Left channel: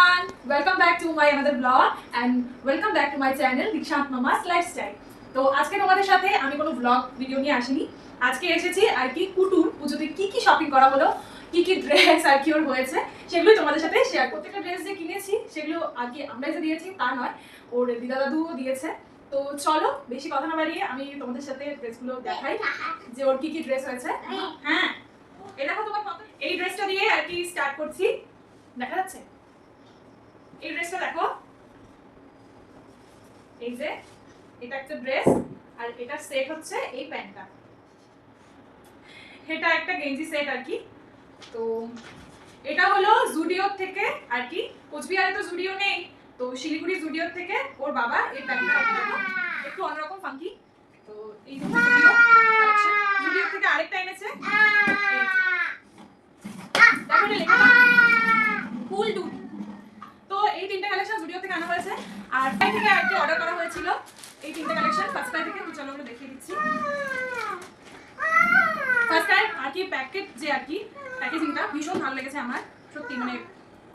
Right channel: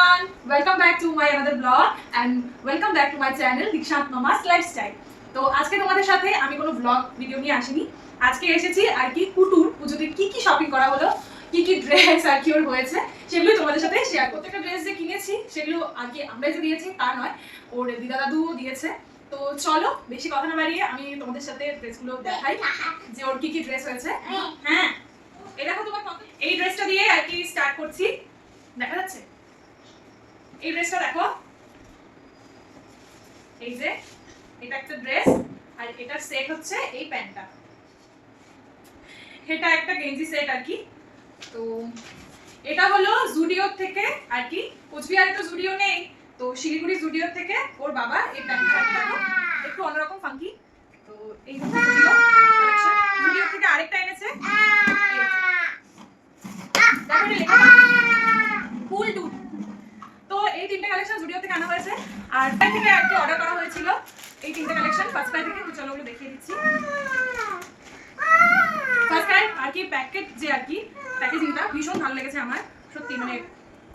everyone, welcome back to my another vlog and welcome back to my channel Dikshant Mama's Lifestyle. তো আজকে তোমাদের সাথে আমি কোনো ব্লগ ভিডিও নিয়ে আসিনি। আজকে এসেছি আর কি কুটুর পুজোতে কি কি শপিং করা হলো, কি কি ড্রেস আর কি ওর হয়েছে সেগুলো তোমাদের সাথে শেয়ার করতে। একটা ড্রেস যে কিনেছি সেগুলো আর কি আমরাই যে দিয়েছি তা নয়, ওর দিদা দাদুও দিয়েছে। তো চলো বেশি কথা না বাড়িয়ে আমি তোমাদের সাথে ড্রেসগুলো দেখাই যে ওর কি কি ড্রেস হয়েছে। হ্যাঁ, এই দেখো তোমার এই ড্রেসটা দিয়ে আর কি স্টার্ট করছি। দেখা যাচ্ছে এই ড্রেসটা দেখো, এই যে এটা একটা ড্রেস আর এটার সেট হচ্ছে এই প্যান্টটা, এটা একটা গেঞ্জি সেট আর কি। তো এটা হলো জুডিও থেকে আর কি, কোচবিহারে তো জুডিও নেই, তো শিলিগুড়ি জুডিও থেকে ওর বাবা এই প্যান্টটা দেখো একটু অন্যরকম ফাঙ্কি। তো এই জুডিও কালেকশন, জুডিও থেকে আরেকটা এনেছে দেখো এটা লেখা ফুল ডুড। তো এই তিনটা কালেকশন জুডিও থেকে আনা হয়েছে আর প্যান্ট থেকে একটু অর্ডার করা হয়েছিল এই তিনটা কালেকশন ফার্স্ট ক্রাই থেকে। চলো ওগুলো দেখিয়ে দিচ্ছি। ফার্স্ট ক্রাই আর কি প্যাকেট যে আর কি প্যাকেজিংটা ভীষণ ভালো লেগেছে আমার, সত্যি মানে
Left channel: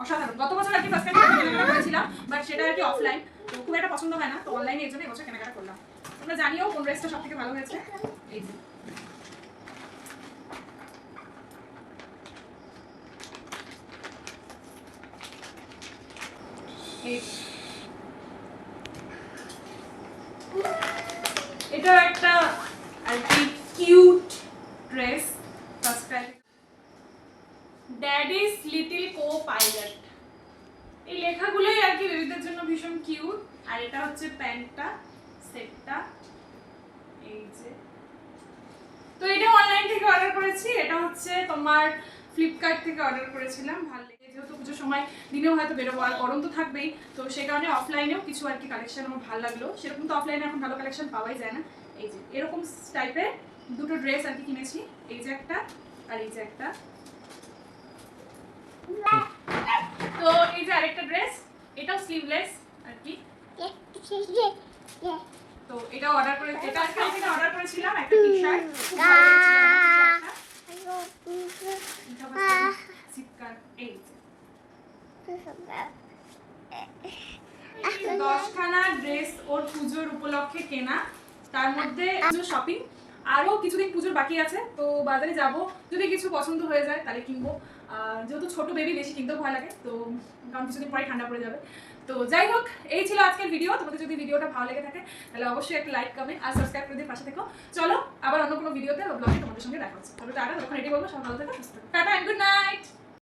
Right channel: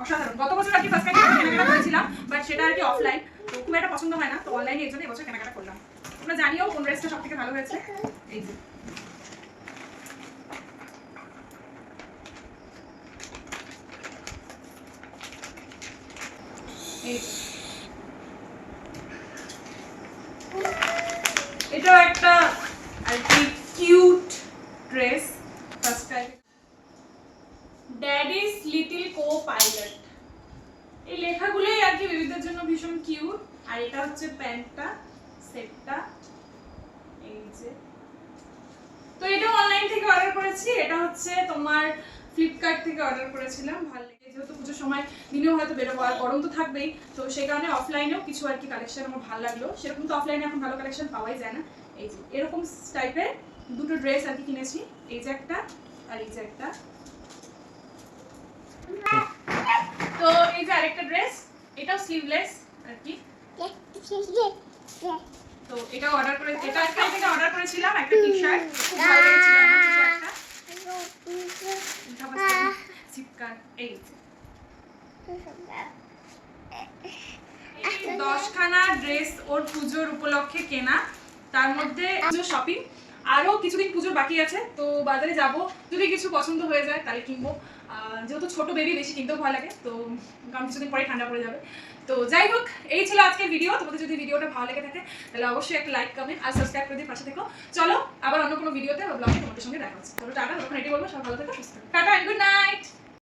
অসাধারণ। গত বছর আর কি ফার্স্ট ক্রাই থেকে কেনাকাটা করেছিলাম বাট সেটা আর কি অফলাইন, তো খুব একটা পছন্দ হয় না, তো অনলাইনে এর জন্য এবছর কেনাকাটা করলাম। তোমরা জানিও কোন ড্রেসটা সবথেকে ভালো হয়েছে। এই যে এটা একটা আর কি cute dress, first time daddy's little co pilot, এই লেখাগুলোই আর কি বেবিদের জন্য ভীষণ কিউট। আর এটা হচ্ছে প্যান্টটা সেটটা, এই যে। তো এটা অনলাইন থেকে অর্ডার করেছি, এটা হচ্ছে তোমার ফ্লিপকার্ট থেকে অর্ডার করেছিলাম। ভালো লেগে, যেহেতু পুজোর সময় দিনেও হয়তো বেরোবো আর গরম তো থাকবেই, তো সেই কারণে অফলাইনেও কিছু আর কি কালেকশন আমার ভালো লাগলো। সেরকম তো অফলাইনে এখন ভালো কালেকশন পাওয়াই যায় না। এই যে এরকম টাইপের দুটো ড্রেস আর কি কিনেছি, এই যে একটা আর এই যে একটা। তো এই যে আরেকটা ড্রেস, এটাও স্লিভলেস আর কি। তো এটা অর্ডার করে, এটা আজকে থেকে অর্ডার করেছিলাম একটা টি-শার্ট, ভালো লেগেছিল আমার টি-শার্টটা। চিপকার এই 10খানা ড্রেস ওর পুজোর উপলক্ষে কেনা, তার মধ্যে শপিং আরও কিছুদিন পুজোর বাকি আছে, তো বাজারে যাব, যদি কিছু পছন্দ হয়ে যায় তাহলে কিনবো। যেহেতু ছোট বেবি বেশি কিনতেও ভয় লাগে, তো কারণ কিছুদিন পরে ঠান্ডা পড়ে যাবে। তো যাই হোক, এই ছিল আজকের ভিডিও। তোমাদের যদি ভিডিওটা ভালো লেগে থাকে তাহলে অবশ্যই একটা লাইক কমেন্ট আর সাবস্ক্রাইব করে দিয়ে পাশে থেকো। চলো আবার অন্য কোনো ভিডিওতে বা ব্লগে তোমাদের সঙ্গে দেখা হচ্ছে। তবে টাটা, তখন এটাই বলবো সব ভালো থেকো, সুস্থ থেকো। Tata and good night.